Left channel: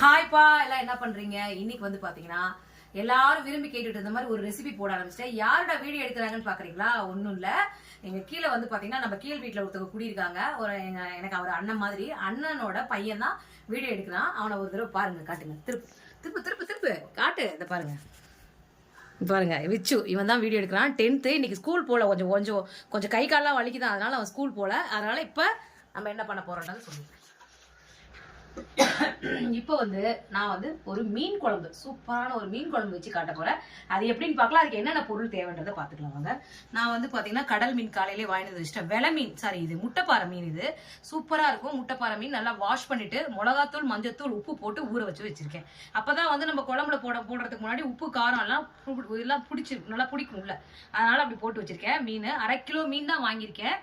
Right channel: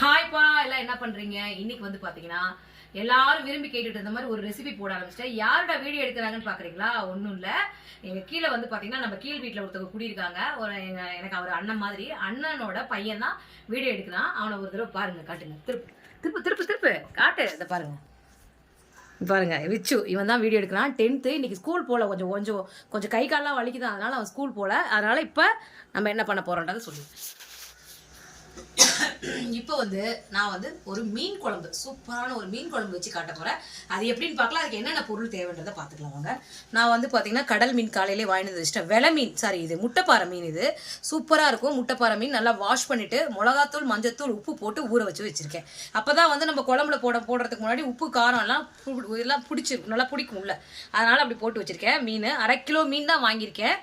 ஹாய்ப்பா எல்லாம் என்ன பண்றீங்க? இன்னைக்கு வந்து பாத்தீங்கன்னா எல்லாரும் விரும்பி கேட்டுட்டு இருந்த மாதிரி ஒரு ரெசிபி போட ஆரம்பிச்சிட்டேன். யாரோட வீடியோ எடுக்கிறாங்கன்னு பாக்குறீங்களா? ஒன்றும் இல்ல, எங்க கீழே வந்து பாத்தீங்கன்னா நம்ம கீழ் வீட்டுல ஒருத்தவங்க குடியிருக்காங்க. எனக்கு அவர் அண்ணன் மாதிரி, அண்ணனோட பையன் தான் வீடியோ எடுக்கிறான். அவனை ஒரு தடவை பாருங்க, காட்டுங்க. திருப்பு திருப்பு திருப்பு திருப்பு காட்டு. இதை பாருங்க பாருங்க, விச்சு இவன் தான் வீடியோ எடுக்கிறான். 10th இன்னைக்கு ஸ்கூல் போல, கொஞ்சம் கொஞ்சம் கொஞ்சம் கை காலெல்லாம் வலிக்குதான், அதனால அவன் ஸ்கூல் போல. அதனால இப்ப நம்ம என்ன பண்ண போறோம்ன்றதை சொல்லு. இப்போ வந்து நான் வந்து ஒரு மீன் குழம்பு, சூப்பரான ஒரு மீன் குழம்பு வச்சு காட்ட போறேன். அது எப்படின்னு பார்க்கலாம், அதுக்கு என்னென்ன பொருள் தேவைன்றதை பார்த்துக்கலாம் வாங்க. நான் வந்து பார்த்தீங்கன்னா கடல் மீன் காலையிலே வாங்கிட்டு வச்சுட்டேன். வெலை மீன், சாரி, இது முட்டைப்பாறை மீன். இது சூப்பராக இருக்கும். முட்டைப்பாறை மீன் நல்லா வாஷ் பண்ணிட்டு மிளகாத்தூள், மஞ்சத்தூள், உப்பு போட்டு ஊற வச்சு வச்சிருக்கேன். அப்பதான் வந்து நம்ம குழம்புல போடுறதுக்கு முன்னாடி உப்பு காரம் எல்லாம் பிடிச்சி நல்லா பிடிக்கும்ல, அதனால அப்படி போட்டு வச்சிருக்கேன். மீன் 1/2 கிலோ மீன் தான் வாங்கியிருக்கேன்.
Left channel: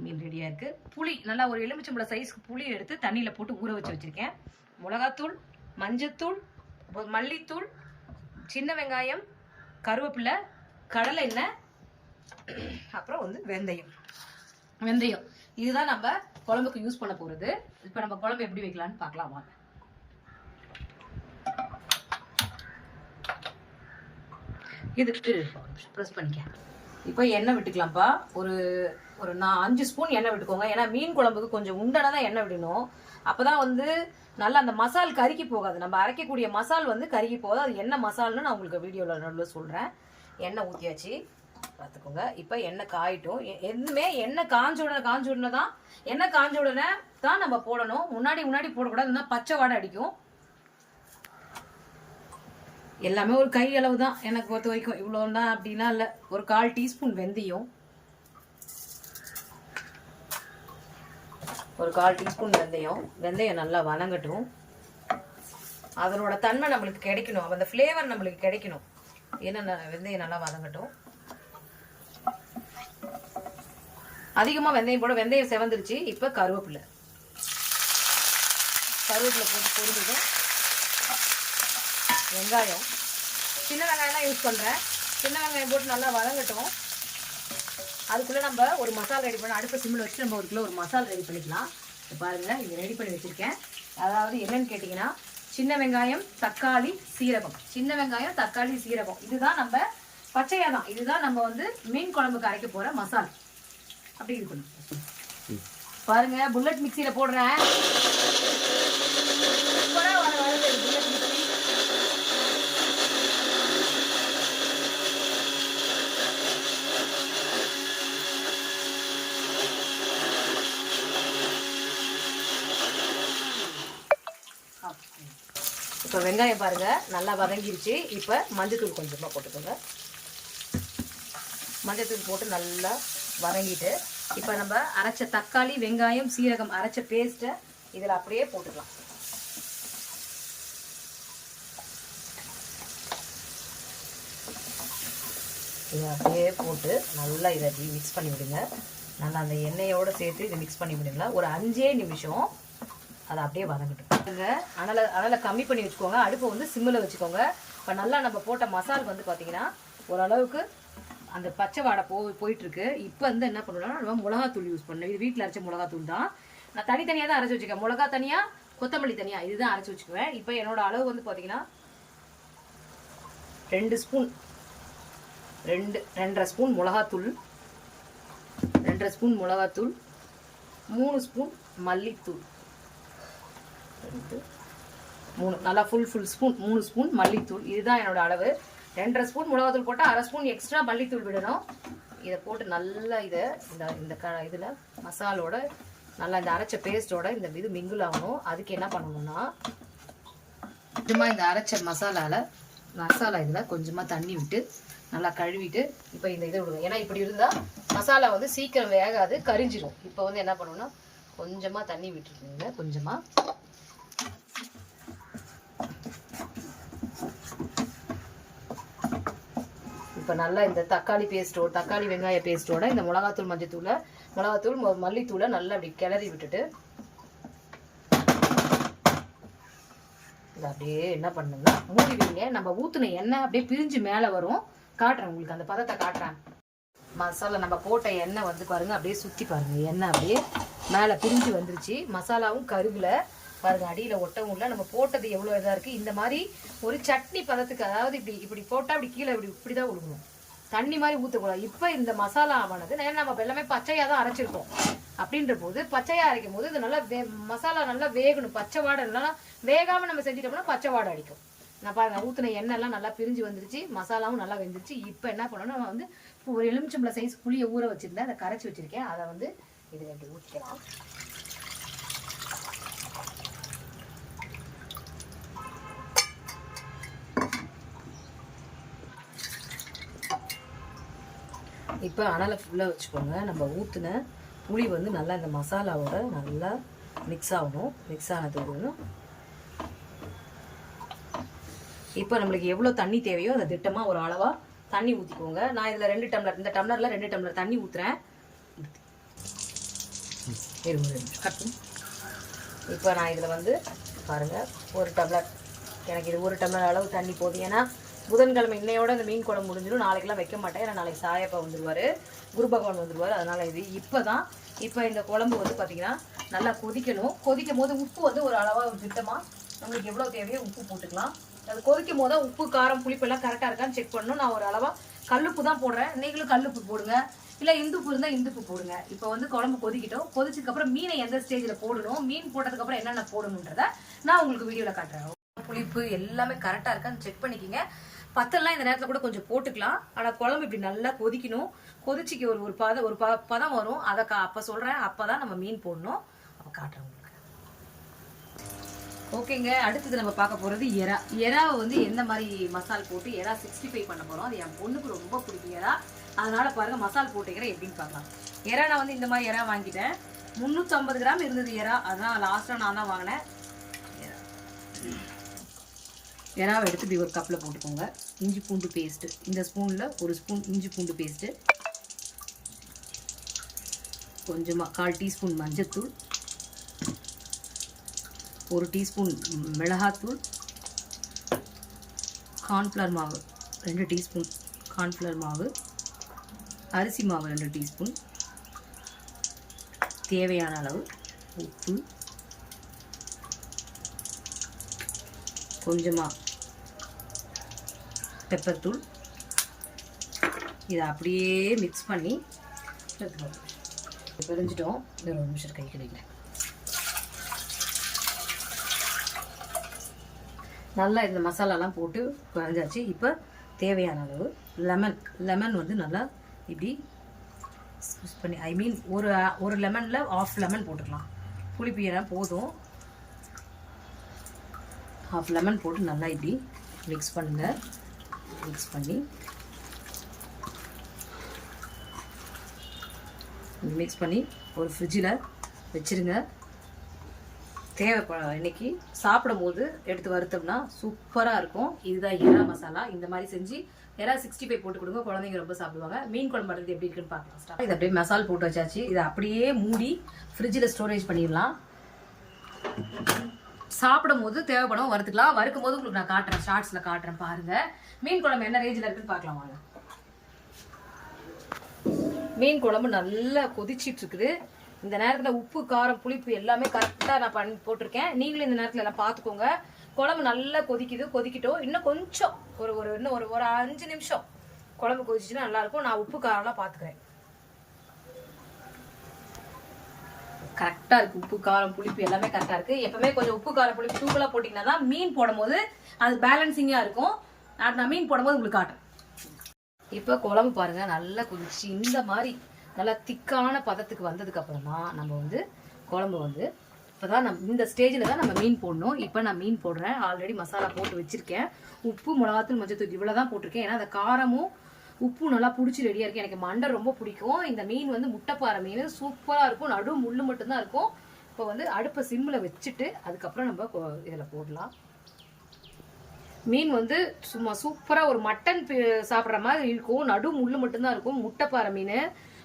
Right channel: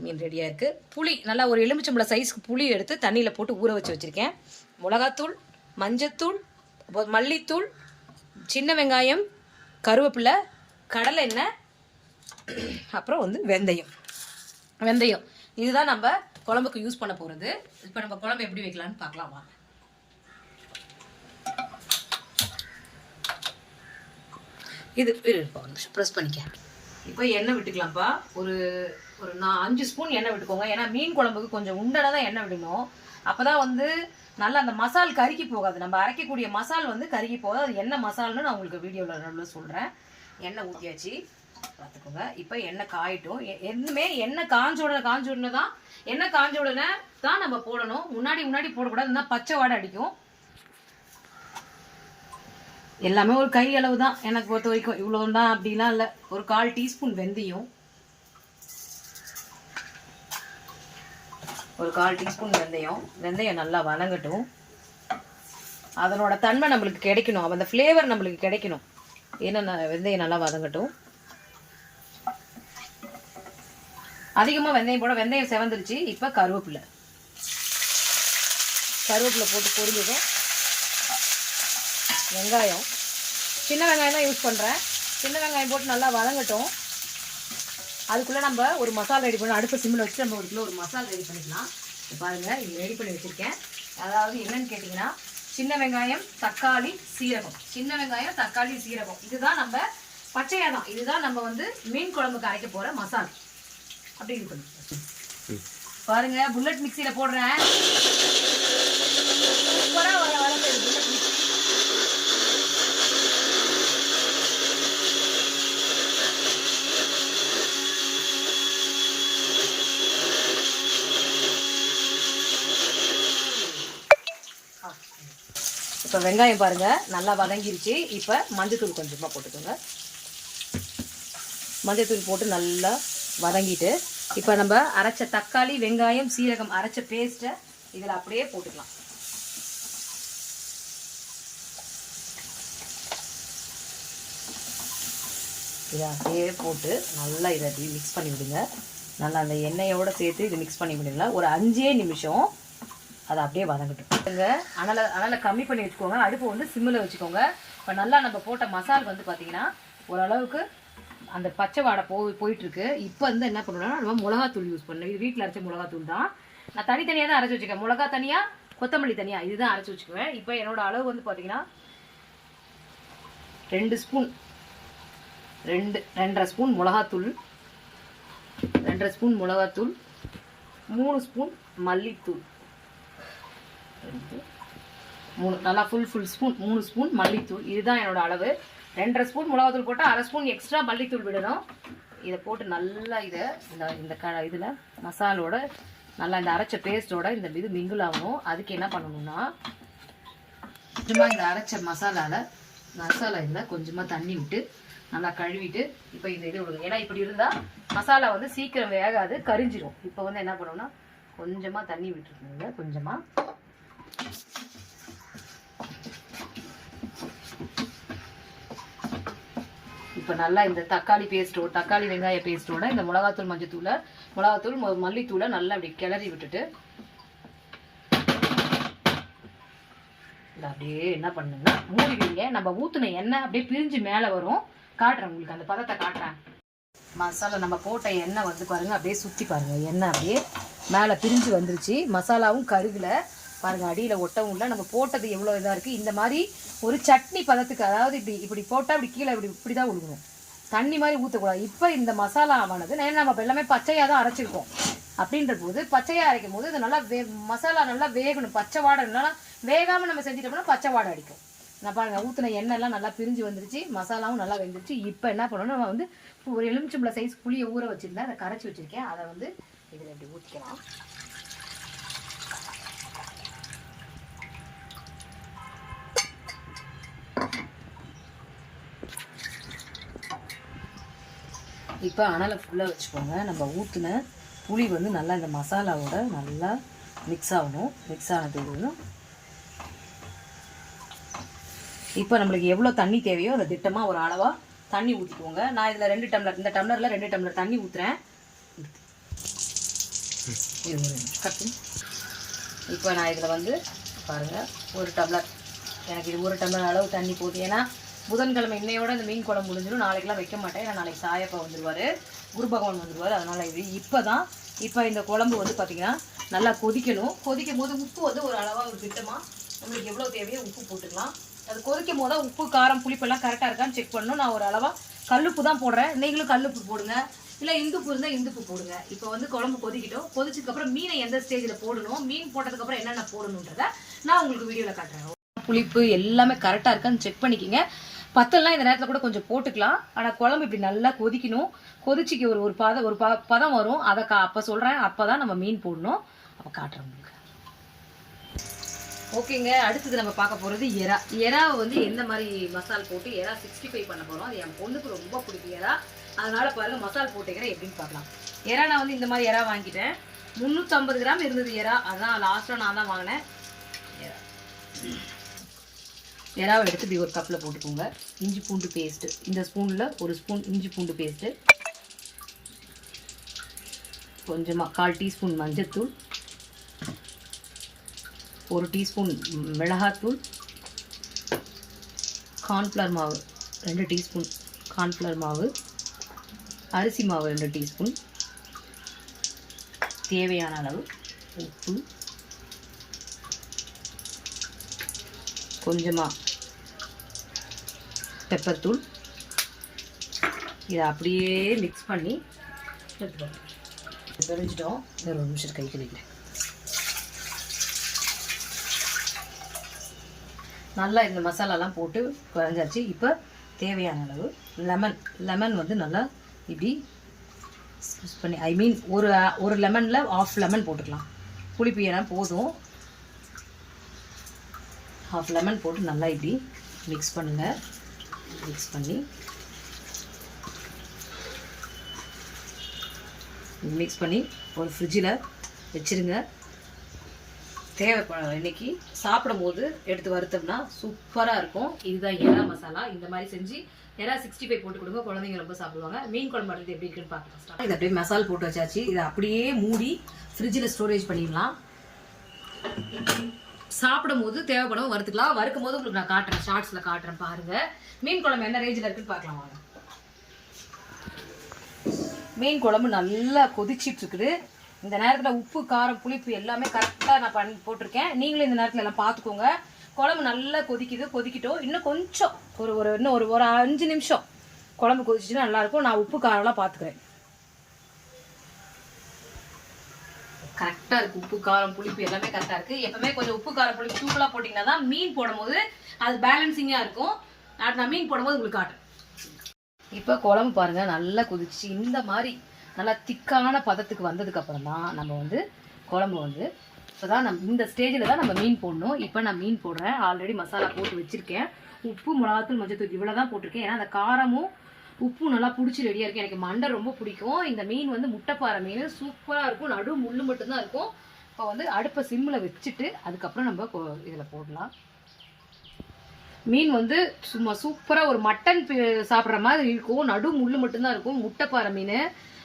மீன் ரெடியாக இருக்குது. புளி, நல்லா ஒரு எலுமிச்சம்பழ சைஸ்க்கு புளி எடுத்து தண்ணியில் போட்டு ஊற வச்சு வச்சுருக்கேன். மிளகாத்தூள், மஞ்சத்தூள், மல்லித்தூள், சின்ன வெங்காயம், கருவேப்பிலை, கடலை எண்ணெய், அப்புறம் வந்து வெந்தயம் இதுதான் நம்ம குழம்புக்கு யூஸ் பண்ண போகிறது. இப்போ நம்ம குழம்பு எப்படி வைக்கலான்னு பார்க்கலாம் வாங்க. இது ப்ரெஸ் பண்ணிக்க. இப்போ எண்ணெய் விட்டுக்கலாம்ப்பா. ஒரு 5 ஸ்பூன் எண்ணெய் விட்டுக்கோங்க. ஏன்னா மீன் குழம்புக்கு கொஞ்சம் உண்டனாக தான் எண்ணெய் விடணும். அப்போ தான் வந்து நல்லா அந்த மசால் கருகி போகாது. நம்ம அரைக்கக்கூடிய மசால் வந்து கருகி போகாது. அது என்ன மசால்னு நான் உங்களுக்கு வீடியோவில் நடுவில் சொல்கிறேன். எண்ணெய் ஊற்றியாச்சு, பார்த்துக்கோங்க. இப்போ எண்ணெய் காயிட்டும். எதுவுமே எண்ணெய் காஞ்ச உடனே தான், எண்ணெய் காஞ்ச உடனே தான் நம்ம போடணும். முன்னாடி போடக்கூடாது, இல்லைன்னா பச்சை வாடை அடிக்கும். எல்லாமே ஒரு கை அளவு தான் எனக்கு பொறுத்த வரைக்கும். இவ்வளோ தான் அப்படிலாம் இல்லை. ஒரு 1/4 டீஸ்பூன் வெந்தயம், வெந்தயம் நல்லா வதங்கட்டும். அதனோட தன்மை நம்மளுக்கு கிடைக்கணும், அந்த ஃப்ளேவர் நம்மளுக்கு கிடைக்கணும். ஏன்னா வெந்தயம் நல்லா வதங்கட்டும். அதிகமாக வெந்தயம் போட, வெந்தயம் செவந்துருச்சு. இப்போ கருவேப்பிலை போட்டு பொரிஞ்சதும் வெங்காயம், சின்ன வெங்காயம் தான் யூஸ் பண்ணுறேன். சின்ன வெங்காயம் போட்டு நல்லா வதங்கட்டும். அதுக்குள்ளே நம்ம ஒரு மசாலா ரெடி பண்ணி, அடுத்த சிம்மில் வச்சு நம்ம ஒரு மசாலா ரெடி பண்ணிக்கலாம். பாருங்கள், இது ரெடி பண்ணி வச்சுருக்கேன். அதாவது என்னன்னு கேட்டிங்கன்னா, சின்ன வெங்காயம், தக்காளி, சீரகம், இதுதான் நம்ம பச்சையாக தான், இதுதான் நம்ம வந்து மீன் குழம்புக்கு அரைக்க போகிற மசாலா. அப்படி இது பண்ணி பாருங்கள். புல்லட் மிக்சியில் போடுறேன். சூப்பராக வர புல்லட் மிக்சி. இப்போ வெங்காயம் பாருங்கள் நல்லா வதங்கிருச்சு. இப்போ மஞ்சத்தூள் கொஞ்சமாக போட்டுக்கோங்க. மஞ்சத்தூள் போட்டு நல்லா வதங்கிட்டு இப்போ நம்ம அரைச்ச தக்காளி, வெங்காயம், சீரகம் அரைச்ச பேஸ்ட்டை இதில் அப்படியே போட்டுக்கலாம். இதை அப்படியே போட்டு நல்லா இதை மிக்ஸ் பண்ணி விடுங்க. நல்லா அந்த எண்ணெயோடு சேர்த்து இதை மிக்ஸ் பண்ணி விடுங்க. ஒரு 5 நிமிஷம் அதை அப்படியே வதங்கட்டும். அனலை கம்மி பண்ணி வச்சுக்கோங்க. அடுப்பை வந்து சிம்மில் வச்சுக்கோங்க. இப்போ நல்லா நம்ம போட்ட மசால் வந்து பார்த்தீங்கன்னா ஓரளவுக்கு அந்த பச்சை வாடை போயிட்டுருக்கு. இப்போ வந்து என்ன பண்ணுறோம்னா, நம்ம மிளகாத்தூள் யூஸ் பண்ணணும். இது வீட்டில் அரைச்ச மிளகாத்தூள் தான். நான் தனித்தனியாக தான் அரைச்சி வச்சுக்கேன். மிளகா தனியாக, கொத்தமல்லி தனியாக, இதுதான் அரைச்சி வச்சுக்குவேன். இப்போ என்னோட அளவு வந்து பார்த்தீங்கன்னா 2 ஸ்பூன், 2.5 ஸ்பூன் மிளகாத்தூள், 3 ஸ்பூன் மல்லித்தூள், 3 நல்லா ஃபுல் ஸ்பூன், 3 ஸ்பூன் மல்லித்தூள். இதுதான் என்னோட அளவு. 2.5 ஸ்பூன் மிளகாத்தூள் போட்டால் 1/2 ஸ்பூன் எக்ஸ்ட்ரா மல்லித்தூள் விடணும். இதை போட்டு நல்லா இதை இதில் மசாலோட நல்லா இந்த அரைச்ச பேஸ்ட்டோட இந்த இது மிங்கிள் ஆகணும். அதுக்கு என்ன பண்ணணும்னா, கொஞ்சமாக இந்த அரைச்ச மசாலா இதில் கொஞ்சமாக தண்ணி விட்டு நல்லா கழுவிட்டு இப்போ இந்த இதை விடுங்க. ஏன்னா இப்படி இருந்தால் மசாலா வந்து சீக்கிரம் வேகாது, கரிஞ்சிடும். இப்போ வந்து என்ன பண்ணணும்னா, கொஞ்சமாக தண்ணி விட்டுருக்குங்க. கொஞ்சமாக இப்போ நல்லா இந்த தக்காளி வெங்காய பேஸ்ட்டோட இந்த மிளகாத்தூள், மல்லித்தூளை நல்லா அப்படி கிளறி விட்டுட்டு இதை அப்படியே என்ன பண்ணுங்கன்னா மூடிடுவீங்க. நம்ம ஊற்றின எண்ணெய் அப்படியே பிரிஞ்சு மேலே வரும். காட்டுறேன் உங்களுக்கு, அந்த பதத்தை காட்டுறேன். மசாலா நம்ம போட்ட எண்ணெய் வந்து பாருங்கள், அப்படியே சுற்றி பாருங்கள். எண்ணெய் அப்படியே மேலே பிரிஞ்சு வந்துருச்சு. மசாலாவும் கருகில் பாருங்க அடியில் ஒட்டவும் இல்லை. நம்ம போட்டது எவ்வளோ இதாக இருக்குது. இந்த மாதிரி ஒரு சட்னி பதத்துக்கு, அதாவது இப்படி போட்டால் இப்படி கீழே இப்படி தான் விழுகணும், தண்ணி மாதிரி ஊற்றக்கூடாது. இப்போ இந்த மசாலா ஆனது நம்ம எல்லாமே பச்சையாக தான் அரைச்சிருக்கோம். அப்படின்ற போது பச்சையாக அரைக்கும் போது இது நல்லா மசாலா நல்லா வேகணும். பச்சை வாடை இல்லைன்னா வேகாமல் நம்ம செஞ்சிட்டோம்னா பச்சை வாடை அடிக்கும். நான் பாருங்க ஊற்றின எண்ணெய்லாம் நல்லா பிரிஞ்சு வந்துருச்சு, மசாலாவும் நல்லா வெந்துருச்சு. இப்போ என்ன பண்ணணும், நம்ம வந்து ஒரு எலுமிச்சம்பழம் சைஸ் புளியை ஊற வச்சுருந்தேன், அதை கரைச்சி வச்சுருக்கேன். அதை வந்து இதில் இப்படி ஊற்றிக்கலாம். இப்போ அனலை ஃபுல்லாக வச்சுக்கோங்க. நம்ம ஊற்றின புளி வந்து நல்லா இந்த மசாலாவோட நல்லா மிக்ஸ் ஆகணும். மிக்ஸ் ஆனது இப்போ நம்மளுக்கு எவ்வளோ தண்ணி தேவையோ அதை திட்டமாக ஒரு அளவாக தண்ணி ஊற்றிக்கோங்க. நான் இதில் 2 டம்ளர், இந்த டம்ளரில் 2 டம்ளர் தண்ணி ஊற்றுறேன். இப்போ நான் இதில் வந்து பாருங்கள் 1 டம்ளர், எனக்கு இது 1 டம்ளர் அளவு தண்ணி போதும். ஏன்னா புதன்கிழமை இன்னையோட இந்த மீன் குழம்பு முடிஞ்சிடும். நாளைக்கெல்லாம் வைக்க மாட்டேன், ஏன்னா நாளைக்கு சாயப்பா வந்துடுவார், குரு பகவான் வந்துடுவார். அதனால் இப்போ இந்த குழம்பு வந்து பார்த்திங்கன்னா நல்லா கொதிக்கணும். கொதிக்கும் போது உப்பு வந்து ஒரு அளவாக ஒரு திட்டமாக நம்மளுக்கு எவ்வளோ தேவையோ உப்பு போட்டுக்கலாம். அது கொதிக்கும் போது உப்பு காரம் புளிப்பெல்லாம் கரெக்டாக இருக்கான்னு செக் பண்ணணும். நான் ஒரு அளவாக கல்லுப்பு தான் போடுறேன், நீங்களும் கல்லுப்பு போடுங்க, இல்லை இந்துப்பு இருந்தால் இந்துப்பு போடுங்க. இப்போ வந்து குழம்பு கொதிக்கிட்டோம். கொதிச்சதுக்கப்புறம் மீனை எந்த ஸ்டேஜில் போடணும், மீன் போட்டதுக்கப்புறம் என்னென்ன போடணுன்றதை நான் உங்களுக்கு வீடியோவில் காட்டுறேன். புளிப்பு எல்லாமே கரெக்டாக இருக்கான்னு செக் பண்ணிக்கிங்க. பத்தெல்லாம் இந்த நேரத்தில் கூட கொஞ்சம் போட்டுக்கலாம். ஆனால் குழம்பு இப்படி நல்லா கொதிக்கணும். கொதிச்சிக்கு ஒரு பதம் வரும், அதை அப்போ சொல்கிறேன். அப்போ தான் நம்ம மீன் போடணும். அப்போ காட்டுறேன் உங்களுக்கு. ஓகேங்க, அடுத்தது நம்ம பார்க்க போகிறது எறாவை வந்து எந்த மாதிரி மசால் போட்டு எறா 65 பண்ண போகிறோம். அது என் பொண்ணுக்கு ரொம்ப பிடிக்கும் எறா. அதனால் பாருங்கள் மசால் போட்டுக்கிறேன் எப்படின்னு பார்க்கலாம். எறா நான் வந்து இந்த மாதிரி எறா வாங்கிட்டேன். 350 கிராம் இருந்தது எறா, அதுதான் லாஸ்ட்டாக நான் தான் வாங்கினேன். எறாவை எடுத்து இப்படி ஒரு கப்பில் போட்டுக்கோங்க. இஞ்சி பூண்டு பேஸ்ட்டு, இந்த ஸ்பூனில் 1 ஸ்பூன் இஞ்சி பூண்டு பேஸ்ட்டு, கொஞ்சமாக 1/4 டீஸ்பூன் மஞ்சத்தூள், 1 டீஸ்பூன் மிளகாத்தூள், கார்ன்ஃப்ளவர் மாவு 2 டீஸ்பூன் கார்ன்ஃப்ளவர் மாவு, அரிசி மாவு 2 டீஸ்பூன், தேவையான அளவு உப்பு, கொஞ்சமாக பெப்பர் தூள். இதை அப்படியே மிக்ஸ் பண்ணி பிரிஞ்சிட்டோம். இது 1 நிமிஷம் கை கழுவிக்கிறேன். நல்லா இந்த மசாலாலாம் போட்டு குறைஞ்சாச்சு. இப்போ தேவையான அளவு லெமன் வந்து நல்லா இப்படி ஸ்குவீஸ் பண்ணி, ஐ மீன் ஒரு லெமனில் 1/2 லெமன் போட்டுக்கலாம். புளிப்பு ஏன்னா போதும். 1/2 லெமன் போட்டு நல்லா இப்படி மிக்ஸ் பண்ணுங்கள். மிக்ஸ் பண்ணி ஒரு ஃப்ரிட்ஜில் வச்சுருங்க. தேவைப்படாது. இன்றைக்கி சாப்பிடும் போது எடுத்து வறுத்தோம்னா சூப்பராக இருக்கும். இதுதான் எறா மசாலா. இந்த மாதிரி செஞ்சு எறா 65 போட்டு கொடுங்க, குழந்தைங்க ரொம்ப சாப்பிடுவாங்க. மீன் குழம்பு பண்ணுறது எப்படி இருக்குன்னு பார்க்கலாம். இதை அப்படியே மசாலா போட்டு வச்சாச்சு. இதை அப்படியே மூடி ஃப்ரிட்ஜில் ஸ்டோரேஜ் பண்ணிடலாம். சாப்பிடும் போது தேவைப்படும் வறுத்துக்கலாம். வறுக்கும் போது உங்களுக்கு நான் காட்டுறேன், ஷார்ட்ஸில் காட்டுறேன். பாருங்கள் மீன் குழம்பு என்ன ரேஞ்சில் இருக்குன்னு பார்க்கலாம் வாங்க. மீன் குழம்பு நல்லா கொதிச்சிட்டு இருக்குது. இந்த நேரத்தில் உப்பு காரம் புளிப்பு எல்லாமே கரெக்டாக நான் போட்டிருக்கேன். நீங்களும் இந்த நேரத்தில் எல்லாம் பார்த்துக்கோங்க. குழம்பு நல்லா கொதிக்கிட்டோம். இன்னும் கொஞ்சம் இன்னும் ஒரு 5 நிமிஷம் குழம்பு கொதிச்சுன்னா நல்லாயிருக்கும். நான் உப்பு காரம்லாம் பார்த்துக்கிறேன். கரெக்டாக இருக்குது. உப்பு காரம் புளிப்பு எல்லாமே கரெக்டாக இருக்குது. எப்பவுமே கொஞ்சம் உப்பு காரம் புளிப்பு தூக்கலாக போட்டிங்கன்னா தான் மீன் போடும்போது அது பேலன்சிங்காக இருக்கும். நான் மீன் போடும்போது உங்களுக்கு காட்டுறேன். இப்போ குழம்பு பாருங்கள் நல்லா கொதிச்சு இந்த மாதிரி நல்லா திக்கான பதத்துக்கு வந்ததுக்கப்புறம் தான் நம்ம வந்து குழம்பு வந்து இப்போ தான் இந்த ஸ்டேஜில் தான் நம்ம மீன் போடணும். இப்போ நான் மீன் போடுறேன். ஆல்ரெடி மசாலா போட்டு வச்சுருக்கேன். உப்பு மிளகாத்தூள் மஞ்சத்தூள் இவ்வளோ தான் போட்டிருக்கேன். ஏன்னா அந்த காரமும் உப்பு நல்லா பிடிச்சி ரெடியாக இருக்குது. எனக்கு மண்டை ரொம்ப பிடிக்கும். இந்த மீன் வந்து முட்டைப்பாறை மீன் சூப்பராக இருக்கும். நடு முள் மட்டும்தான் இருக்கும். இப்போ வந்து அடுப்பை சிம்மில் வச்சுட்டு அதுக்கப்புறம் நம்ம இதில் போடலாம். மீன் வந்து சும்மா சூப்பராக ஒரு மட்டன் சாப்பிட்ற மாதிரி இருக்கும். நடு முள் மட்டும்தான் இருக்கும். முட்டைப்பாறை மீன்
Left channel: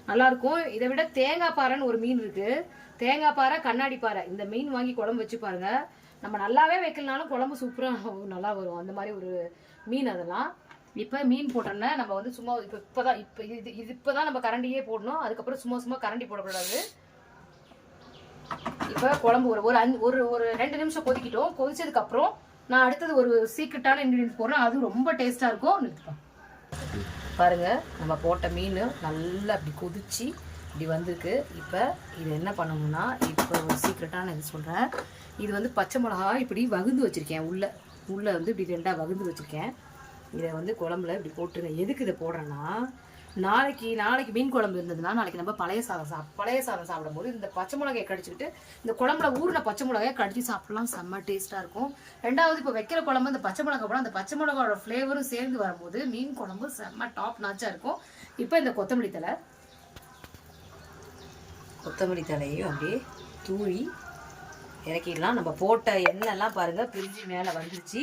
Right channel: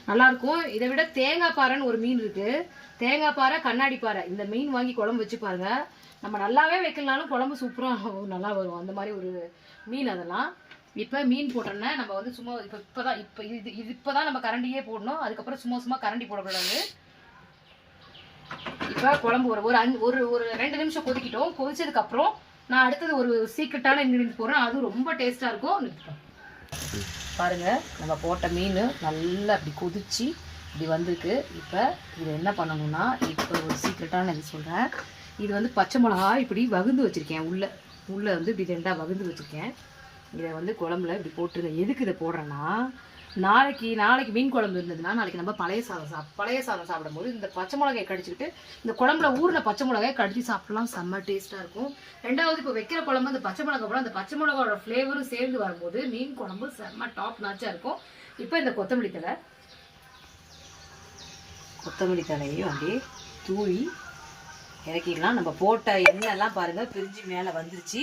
நல்லாயிருக்கும். இதை விட தேங்காய் பாறைன்னு ஒரு மீன் இருக்குது. தேங்காய் பாறை, கண்ணாடி பாறை, இந்த மீன் வாங்கி குழம்பு வச்சு பாருங்கள். நம்ம நல்லாவே வைக்கலனாலும் குழம்பு சூப்பராக நல்லா வரும். அந்த மாதிரி ஒரு மீன் அதெல்லாம். இப்போ மீன் போட்டோன்னா நம்ம வந்து சும்மா இப்போ தான் நம்ம கரண்டியே போடணும். அதுக்கப்புறம் சும்மா கரண்டி போடக்கூடாது. இப்போ குழம்பு ஒரு 2 நிமிஷம் கொதிக்கிட்டோம். கொதிச்சதுக்கப்புறம் நான் அடுத்தது ஒரு சீக்ரெட்டான இன்க்ரீடியன்ஸ் போடுறேன். அதுவும் ரொம்ப டேஸ்ட்டாக இருக்கும். நிறுத்திட்டோம் பாருங்கள். நம்ம போட்ட மீன் நல்லா அப்படி கொதிச்சு இப்படி வந்திருக்கு. இப்போ இது என்ன பண்ணணும்னா, இப்போ ஒரு சீக்ரெட்டான இது சொல்கிறேன். இது வந்து பச்சை மிளகா இப்படி வகுந்து வச்சுருக்கேன். உள்ளே வந்து இப்படி 2ஆக வகுந்து வச்சுருக்கேன். இதை வந்து குழம்புல இப்படி போட்டுருங்க. எதுக்கு இதை போடுறேன்னா, நாளைக்கு மீன் குழம்பு இருந்ததுன்னா நாளைக்கு நம்ம பழைய சாதம் சாப்பிடும்போது இந்த பச்சை மிளகாயை கடிச்சிக்கிட்டு இந்த குழம்புல ஊறின பச்சை மிளகாயை கடிச்சு சாப்பிடலாம். செம்ம டேஸ்ட்டாக இருக்கும். ரெண்டாவது இப்போ வைக்கிற குழம்பு அந்த பச்சை மிளகா போட அந்த பச்சை மிளகாவோட ஃப்ளேவரும் சேர்ந்து வரும்போது மீன் குழம்பு செம்ம டாப் நாச்சாக இருக்கும். இப்போ இந்த கொத்தமல்லி தலையையும் அப்படியே தூவி இறக்கிடலாம். நம்ம போட்ட எண்ணெய்லாம் பாருங்கள் பிரிஞ்சு மேலே வந்துருச்சு.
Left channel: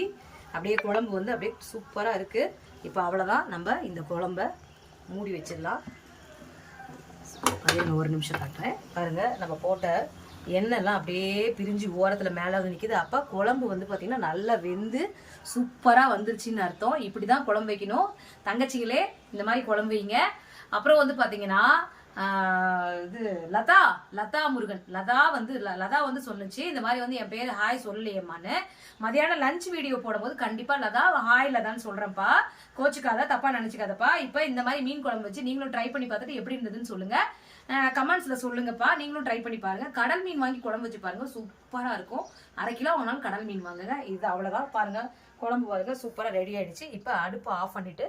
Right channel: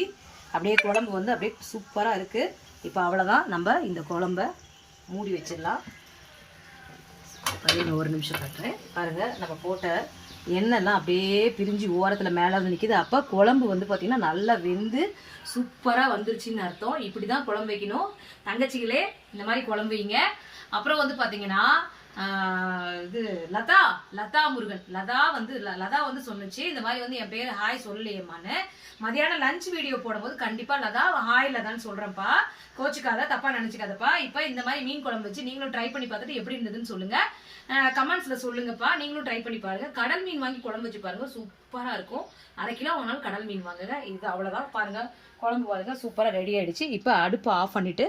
அப்படியே குழம்பு வந்து அப்படியே சூப்பராக இருக்குது. இப்போ அவ்வளோதான். நம்ம இந்த குழம்ப மூடி வச்சிடலாம். அதே ஒரு நிமிஷம் காட்டுறேன் பாருங்கள். நம்ம போட்ட எண்ணெய்லாம் அப்படியே பிரிஞ்சு ஓரத்தில் மேலே வந்து நிற்கிது. அப்போ குழம்பு வந்து பார்த்திங்கன்னா நல்லா வெந்து சூப்பராக வந்துருச்சுன்னு அர்த்தம். இப்படி தான் குழம்பு வைக்கணும். தங்கச்சிகளே இந்த மாதிரி குழம்பு வைங்க. அப்புறம் வந்து பார்த்திங்கன்னா இது லதா முருகன் லதா வந்து சொன்னுச்சு இந்த மாதிரி வந்து என் பேர் ஹாய் சொல்லலையம்மான்னு. மதியானம் லஞ்ச் வீடியோ போடும்போது கண்டிப்பாக லதா ஹாய் லதான்னு சொல்கிறேன்ப்பா. கோச்சுக்காத, தப்பாக நினச்சிக்காதப்பா. இப்போ இந்த மாதிரி மீன் குழம்பு வச்சு நீங்களும் ட்ரை பண்ணி பார்த்துட்டு எப்படி இருந்ததுன்னு சொல்லுங்கள். கமெண்ட்ஸில் சொல்லுங்கப்பா. நீங்களும் ட்ரை பண்ணி பாருங்கள். கடல் மீன் வாங்கி குழம்பு வச்சு பாருங்கள். சூப்பராக இருக்கும். 1/2 கிலோ வாங்கினாலும் கடல் மீன் வாங்குங்க. இது அவ்வளோதான். பாருங்கள் குழம்பு பாருங்கள் சூப்பராக ரெடி ஆகிடுச்சு. இப்போ அடுப்பை ஆஃப் பண்ணிவிட்டு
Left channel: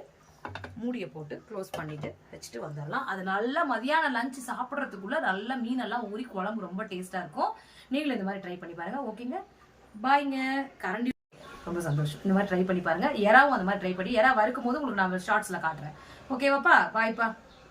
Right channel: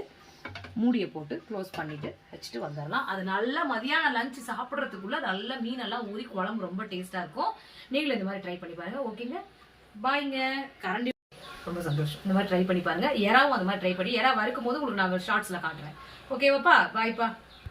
மூடியை போட்டு க்ளோஸ் பண்ணிவிட்டு வச்சுட்டு வந்துடலாம். அது நல்லா மதியானம் லஞ்சு சாப்பிட்றதுக்குள்ளே நல்லா மீனெல்லாம் ஊறி குழம்பு ரொம்ப டேஸ்ட்டாக இருக்கும். நீங்களும் இந்த மாதிரி ட்ரை பண்ணி பாருங்கள். ஓகேங்க, பாய்ங்க. கரண்டி ரொம்ப சந்தோஷம். இந்த மாதிரி ட்ரை பண்ணி பாருங்கள். எறாவும் அந்த மாதிரி ட்ரை பண்ணி எறா வறுக்கும் போது உங்களுக்கு நான் ஷார்ட்ஸில் காட்டுறேன். ஓகேவாப்பா, பாய்ப்பா.